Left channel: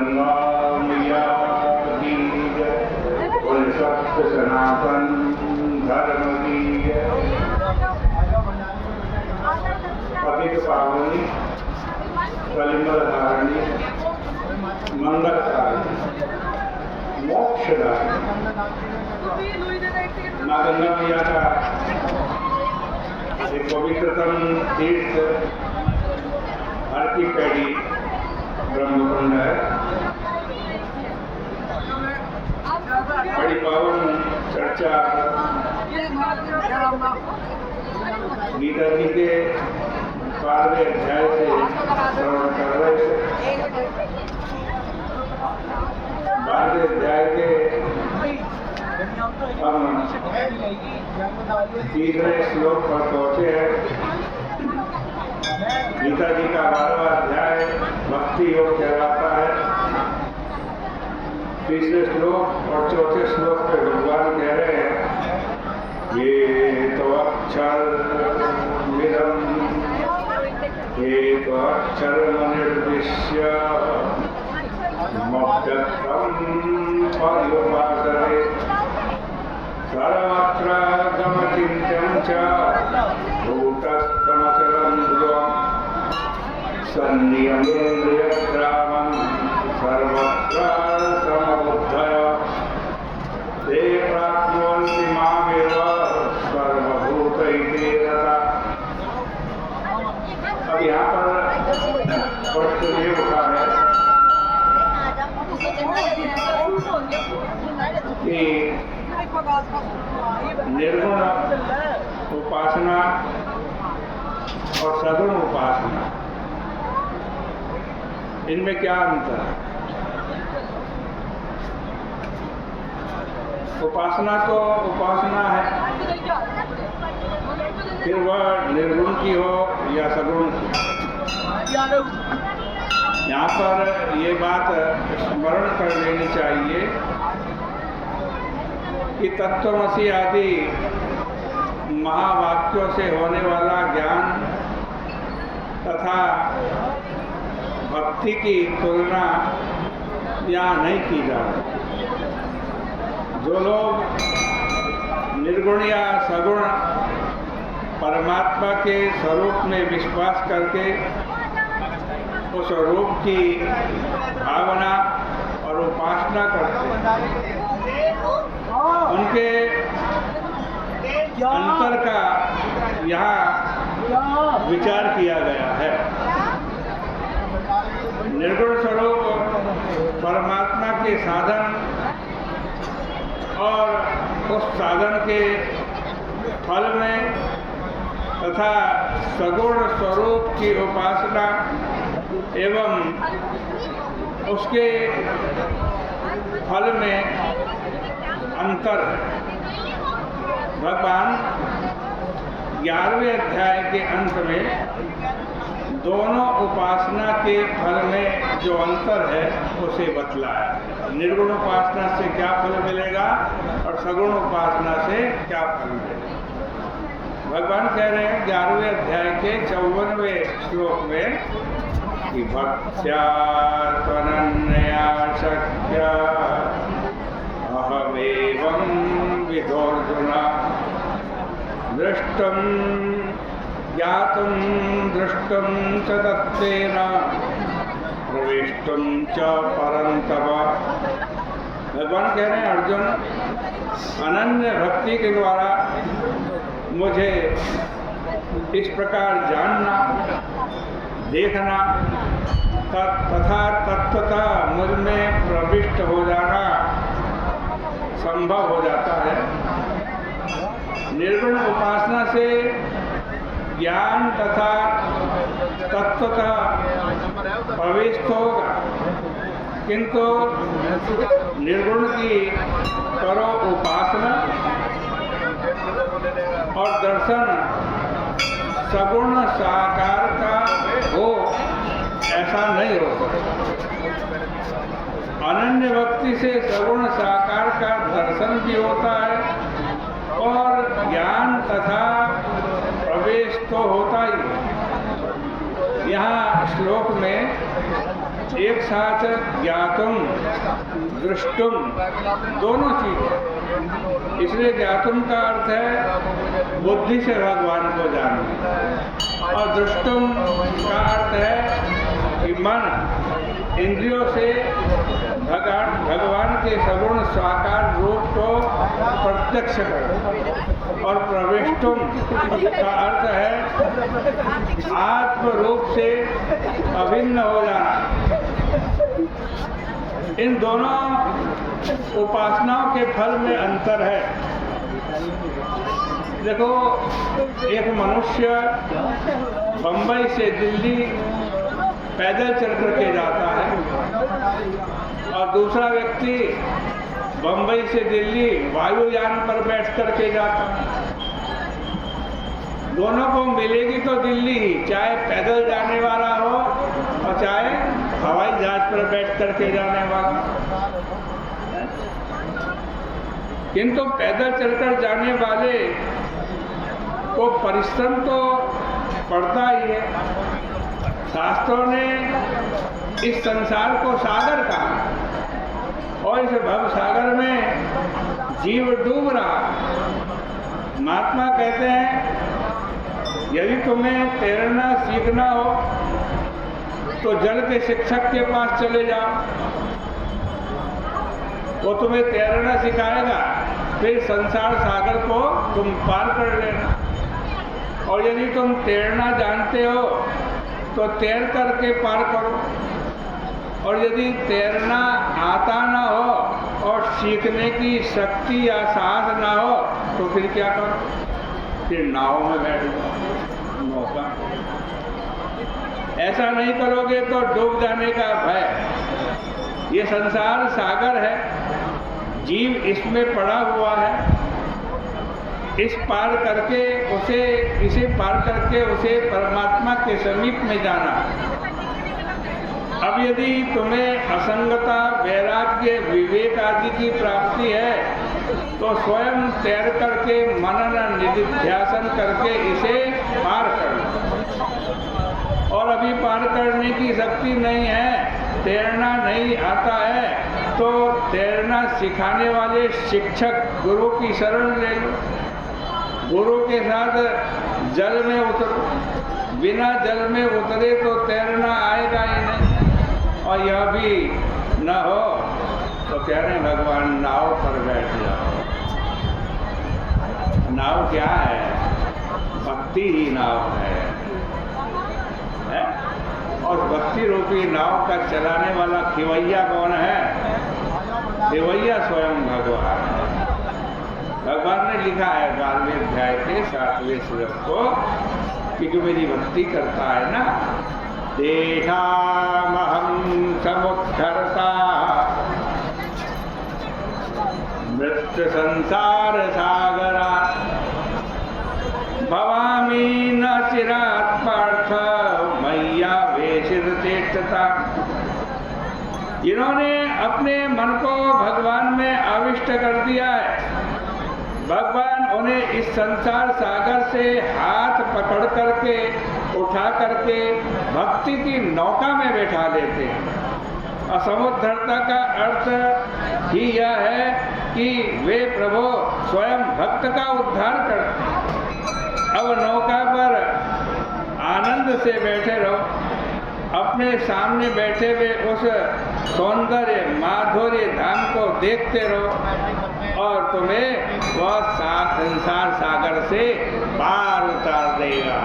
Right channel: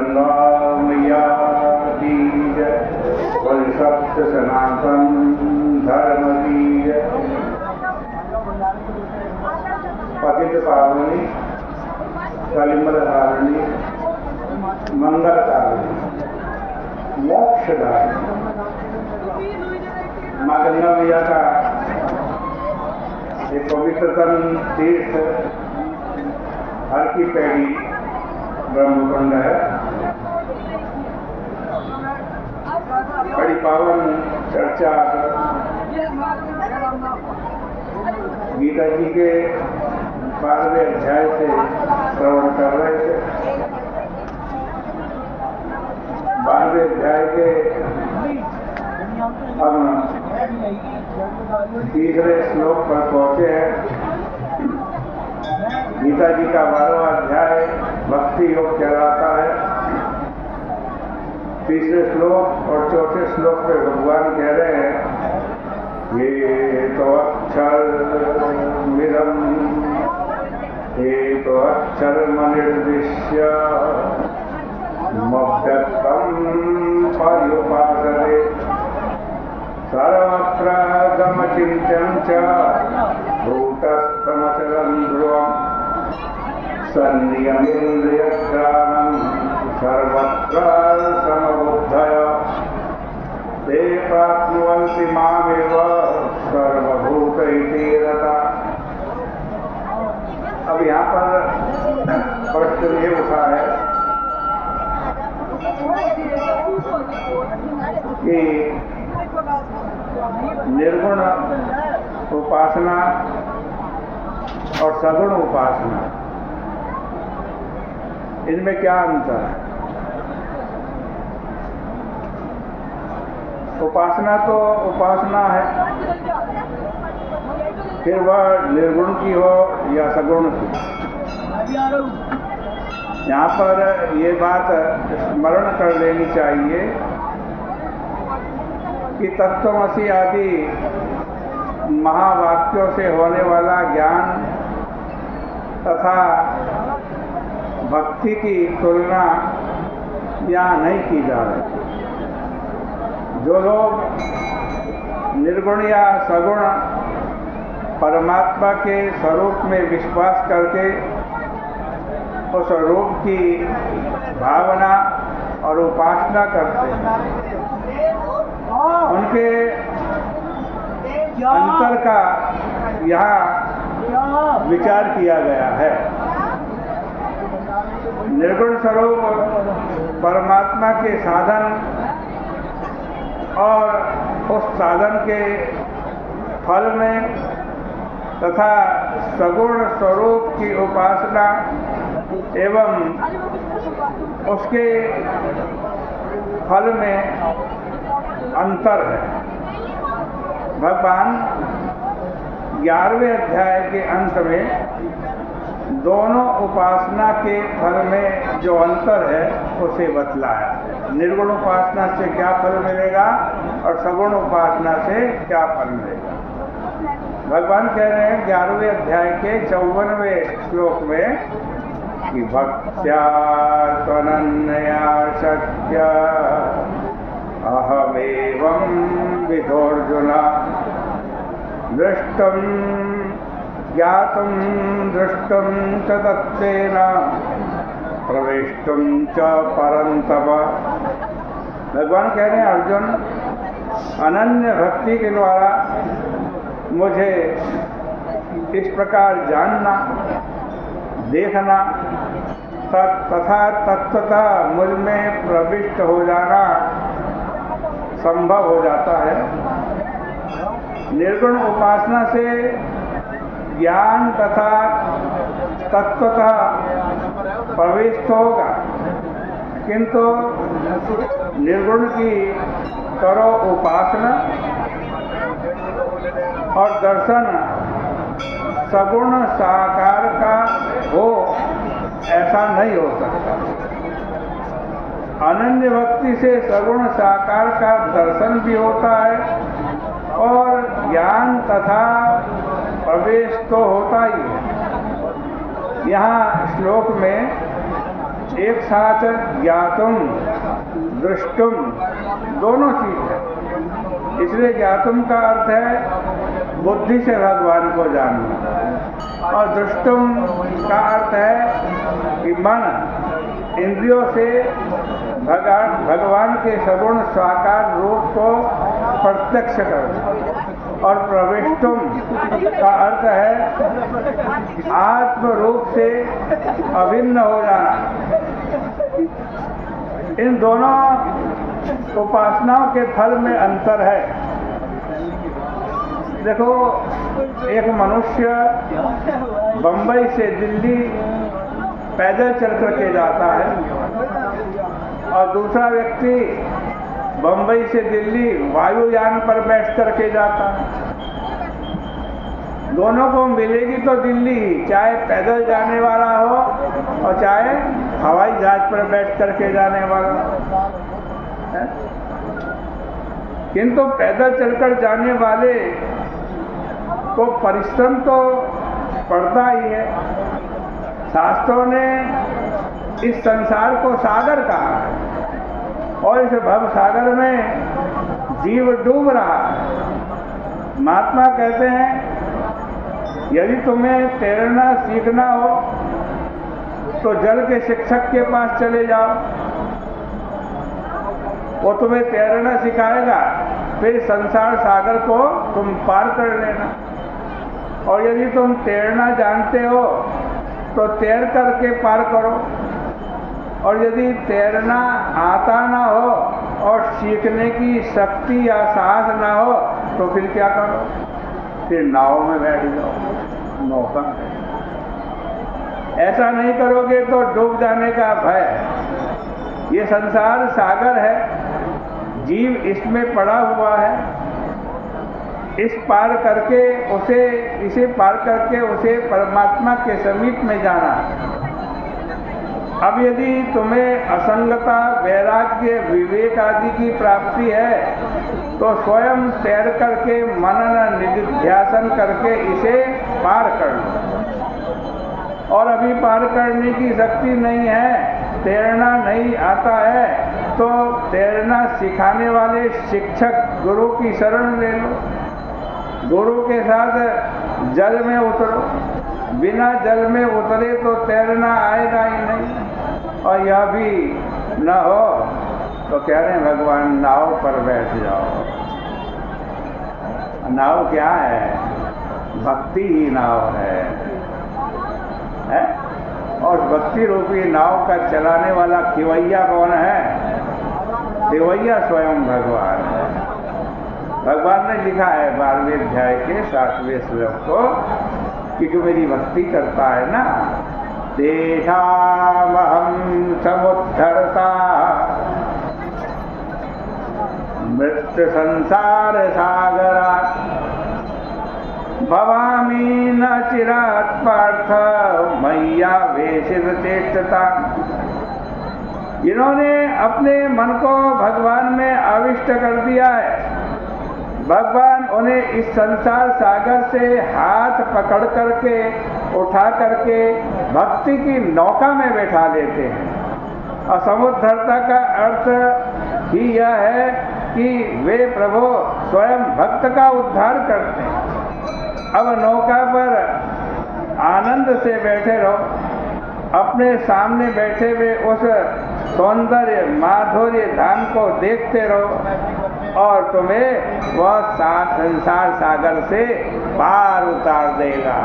गंगा मैया की जय, बोल सत्य सनातन धर्म की जय। पतित पावनी कलिमलधारिणी मंगलकारिणी मोक्षदायिनी माँ गंगा मैया का एक पवित्रतम तीर्थ हर की पैड़ी ब्रह्मकुंड है। बड़ी पावन चर्चा गीता जी के 12वें अध्याय से श्रवण कर रहे थे। 12वें अध्याय के हम 3रे श्लोक पर पहुंचे हैं। गीता जी का 12वां अध्याय भक्ति योग कहलाता है। 3रे श्लोक और 4थे श्लोक में भगवान कह रहे हैं, ये तो अक्षर विरम, ये तो अक्षर निर्दिश्य मभ्यक्तम पर्युपासते सर्वत्र गमचिन्त्यं च भूतस्थमचलं ध्रुवम् सन्नियमेन्द्रियग्रामं सर्वत्र समबुद्धया ते प्राप्नुवन्ति मामेव सर्वभूतैते रताः। अब यहाँ पर प्रश्न ये उठा है कि निर्गुण उपासना और सगुण उपासना, इनमें क्या अंतर है? उपासना तो उपासना है, फिर वह निर्गुण की हो या सगुण की। यहाँ पर ये बात स्मरण कर लेनी चाहिए कि तत्वमसि आदि महावाक्यों से होने वाला ज्ञान तथा भक्ति की तुलना यहाँ नहीं की जा रही। जो लोग निर्गुण या सगुण परमात्मा के स्वरूप में विश्वास करके उस रूप की भावना और उपासना करते हैं, उनके अंतर का यहाँ विचार किया गया है। निर्गुण स्वरूप परमात्मा के साधन और उस साधन के फल में तथा सगुण स्वरूप की उपासना एवं उसके फल में अंतर है। भगवान 11वें अध्याय के अंत में दोनों उपासना के फल में जो अंतर है उसे बतलाया। निर्गुण उपासना से क्या फल मिलेगा और सगुण उपासना से क्या फल मिलेगा। भगवान कह रहे हैं 11वें अध्याय के 54वें श्लोक में कि भक्त्या त्वनन्या शक्या अहमेवं विधोर्जुन दृष्टं ज्ञातं दृष्टं च तत्तेन प्रवेष्टुं च परन्तप। भगवान कह रहे हैं अर्जुन, अनन्य भक्ति के द्वारा मुझे इस प्रकार जानना, देखना तथा तत्वतः मुझ में प्रविष्ट हो जाना संभव हो जाता है। निर्गुण उपासना से ज्ञान तथा तत्वतः प्रवेश होगा, किंतु निर्गुण की करो उपासना और दर्शन सगुण साकार का हो, ऐसा नहीं हो सकता। अनन्य भक्ति से सगुण साकार का दर्शन भी होता है और ज्ञान तथा प्रवेश तो होता ही। यहाँ श्लोक में एक साथ ज्ञातुम दृष्टुम दोनों चीज है। इसलिए ज्ञातुम का अर्थ है बुद्धि से भगवान को जानना, और दृष्टुम का अर्थ है कि मन इंद्रियों से भगवान के सगुण साकार रूप को प्रत्यक्ष करना, और प्रविष्टुम का अर्थ है आत्म रूप से अभिन्न हो जाना। इन दोनों उपासनाओं के फल में अंतर है। देखो, एक मनुष्य बंबई से दिल्ली पैदल चल करके जाता है, और दूसरा व्यक्ति बंबई से दिल्ली वायुयान पर बैठ करके जाता है। दोनों को मिलेगी तो दिल्ली ही, चाहे पैदल जाने वाला हो और चाहे हवाई जहाज पर बैठ करके जाने वाला। किंतु पैदल चलकर जाने वाले को परिश्रम तो पड़ता ही है। शास्त्रों ने इस संसार को सागर कहा, और इस भव सागर में जीव डूब रहा है। महात्मा कहते हैं, यदि तुम्हें तैरना सीखना हो तो जल के शिक्षक के पास चले जाओ, वो तुम्हें तैरना सिखाएगा, फिर संसार सागर को तुम पार कर लेना। और यदि तुम तैरना जानते हो तो तैर करके पार करो, और यदि तैरना आता ना हो और सीखने की शक्ति या साहस ना हो तो फिर क्या करो? फिर नाव में बैठ जाओ, नौका। ऐसा नहीं करोगे तो डूब जाने का भय। ये संसार सागर है, जीव इसमें पड़ा हुआ है। इसे पार करके उसे परमात्मा के समीप में जाना है। अब यदि तुम्हें असंगता, वैराग्य, विवेक आदि की प्राप्ति है तो स्वयं तैर करके मनन निधिध्यासन करके इसे पार कर लो। और अभी पार करने की शक्ति नहीं है, तैरना नहीं आता है, तो तैरना सिखाने वाले शिक्षक गुरु की शरण ले लो। गुरु के साथ जल में उतरो। बिना जल में उतरे तो तैरना आएगा ही नहीं। और यह भी न हो तो कह रहे हैं भगवान नाव पर बैठ जाओ। नाव क्या है? भक्ति ही नाव है? और भक्ति रूपी नाव का चलाने वाला खिवैया कौन है? खिवैया स्वयं भगवान है। भगवान ने लिखा है 12वें अध्याय के 7वें श्लोक को कि जो मेरी भक्ति करता है ना, तेषामहं समुद्धरता मृत्यु संसार सागरात् भवामि न चिरात् पार्थ मय्यावेशित चेष्टता। जिन्होंने अपने मन को भगवान में आविष्ट कर दिया है, भगवान उन्हें इस संसार सागर से हाथ पकड़ करके उठा करके भक्ति की नौका में बैठा देते हैं। और समुद्धरता का अर्थ ही यह है कि वे प्रभु स्वयं भक्त का उद्धार करते हैं। अब नौका पर आनंद से बैठे रहो, अपने सामने बैठे हुए उस सौंदर्य माधुर्य धाम को देखते रहो, और तुम्हें वह संसार सागर से पार उतार देगा।